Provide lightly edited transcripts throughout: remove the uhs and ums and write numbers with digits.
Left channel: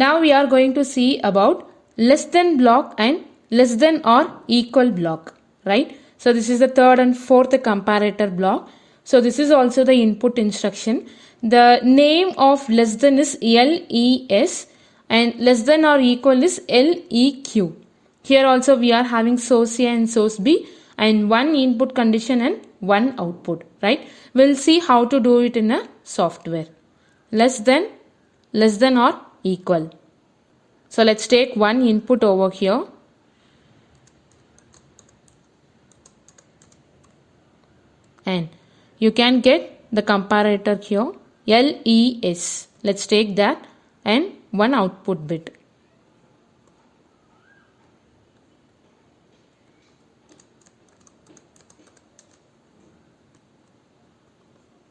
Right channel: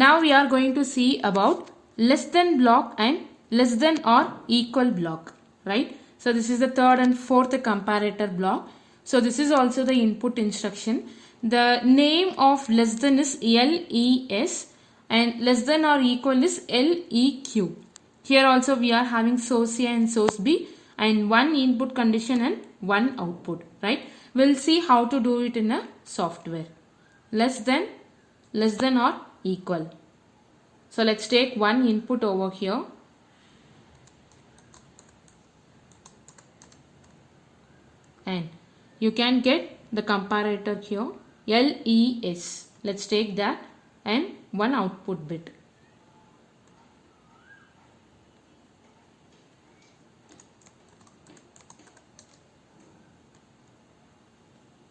Now we are going to see about less than block and less than or equal block, right? So this is the third and fourth comparator block. So this is also the input instruction. The name of less than is LES and less than or equal is LEQ. Here also we are having source A and source B and one input condition and one output, right? We'll see how to do it in a software. Less than or equal. So let's take one input over here. And you can get the comparator here LES. Let's take that and one output bit.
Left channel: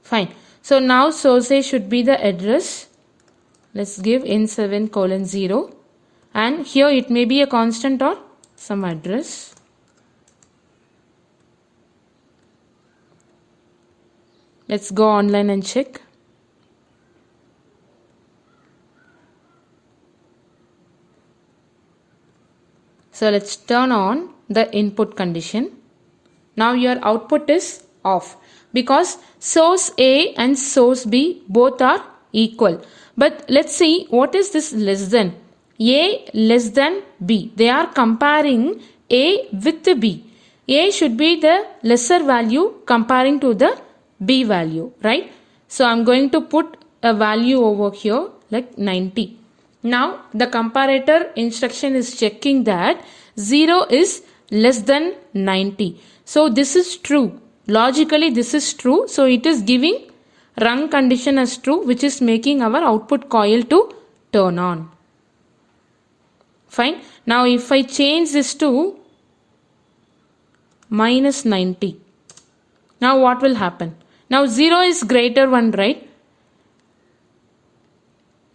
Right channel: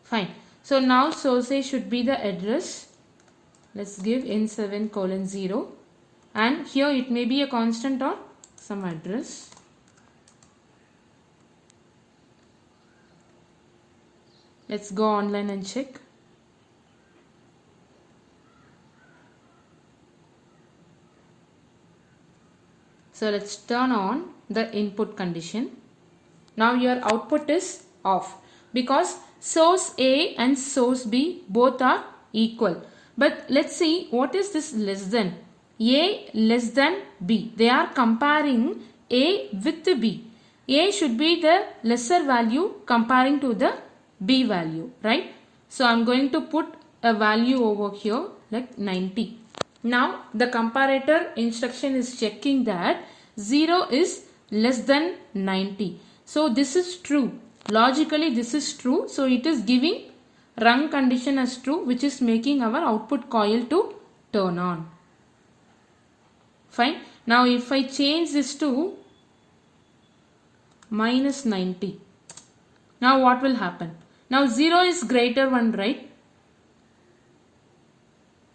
Fine. So now source A should be the address. Let's give N7:0 and here it may be a constant or some address. Let's go online and check. So let's turn on the input condition. Now your output is off because source A and source B both are equal. But let's see what is this less than. A less than B. They are comparing A with B. A should be the lesser value comparing to the B value, right? So I'm going to put a value over here like 90. Now the comparator instruction is checking that 0 is less than 90. So this is true. Logically this is true. So it is giving run condition as true, which is making our output coil to turn on. Fine. Now if I change this to minus 90. Now what will happen? Now 0 is greater 1, right?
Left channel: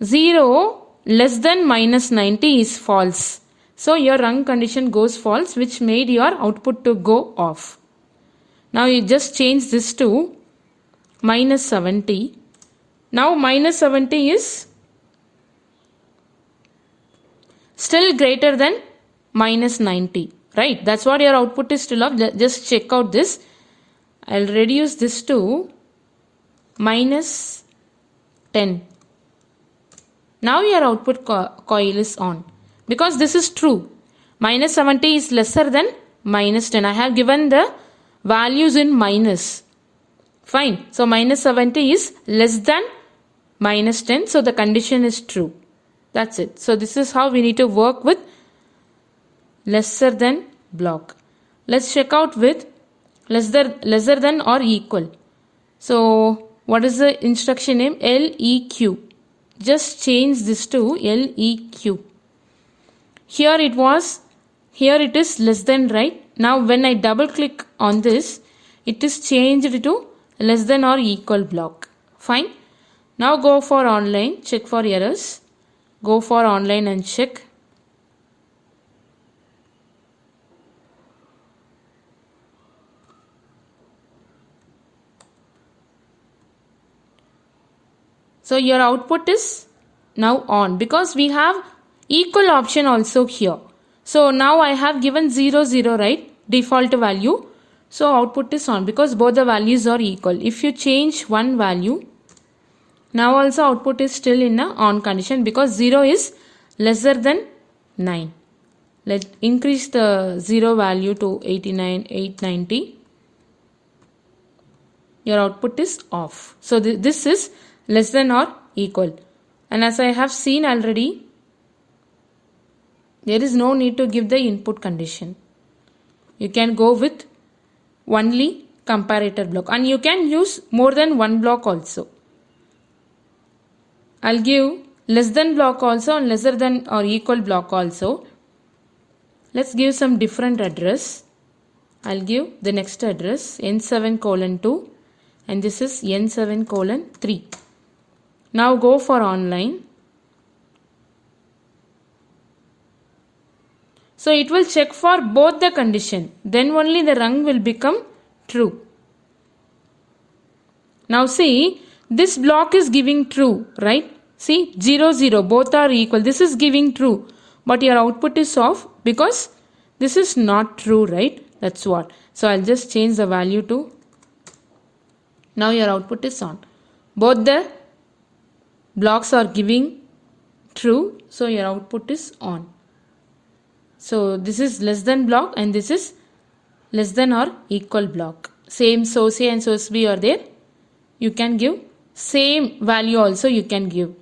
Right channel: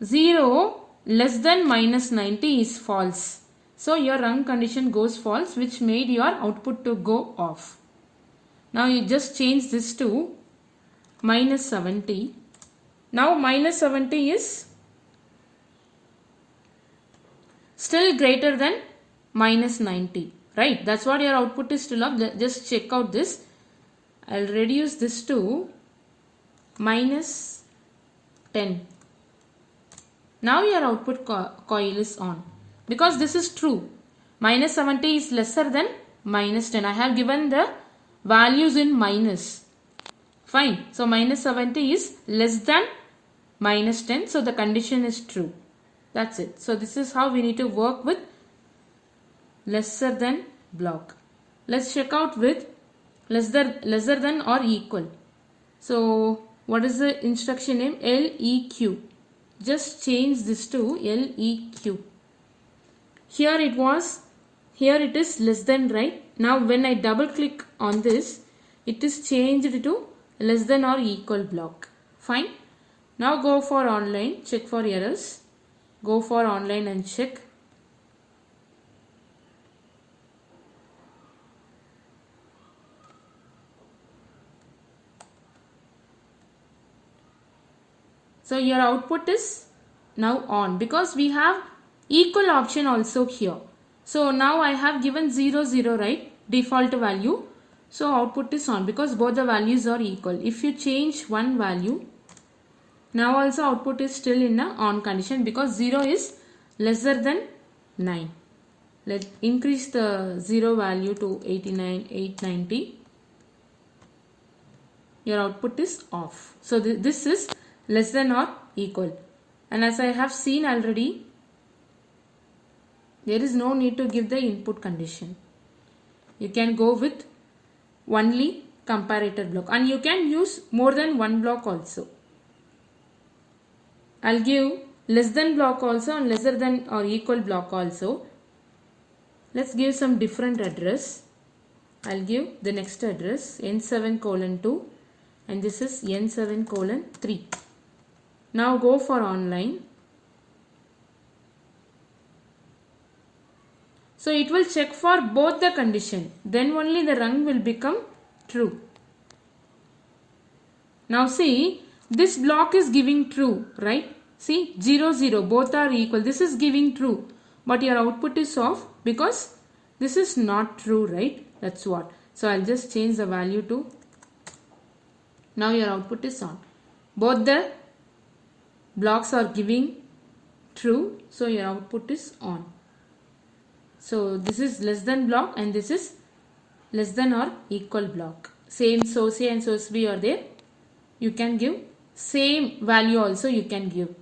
0 less than minus 90 is false. So your run condition goes false, which made your output to go off. Now you just change this to minus 70. Now minus 70 is still greater than minus 90, right? That's what your output is still of. Just check out this. I'll reduce this to minus 10. Now your output coil is on because this is true. Minus 70 is lesser than minus 10. I have given the values in minus. Fine. So minus 70 is less than minus 10. So the condition is true. That's it. So this is how we need to work with lesser than block. Let's check out with lesser than or equal. So what is the instruction name? LEQ. Just change this to LEQ. Here it is less than, right? Now when I double click on this, it is changed to less than or equal block. Fine. Now go for online, check for errors. Go for online and check. So your output is now on because we have equal option also here. So now I have given 0, 0, right? Default value. So output is on because both the values are equal. If you change one value, now also output is still in a on condition because 0 is lesser than 9. Let's increase the 0 value to 89, 890. Your output is off. So this is less than or equal. And as I have seen already, there is no need to give the input condition. You can go with only comparator block and you can use more than one block also. I'll give less than block also and lesser than or equal block also. Let's give some different address. I'll give the next address N7:2 and this is N7:3. Now go for online. So it will check for both the condition. Then only the rung will become true. Now see, this block is giving true, right? See, 0, 0, both are equal. This is giving true, but your output is off because this is not true, right? That's what. So I'll just change the value to, now your output is on. Both the blocks are giving true, so your output is on. So this is less than block and this is less than or equal block. Same source A and source B are there. You can give same value also you can give.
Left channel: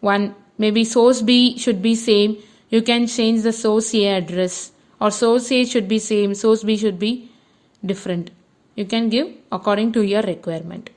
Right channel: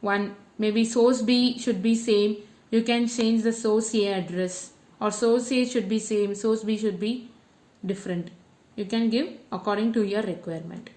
One, maybe source B should be same. You can change the source A address, or source A should be same, source B should be different. You can give according to your requirement.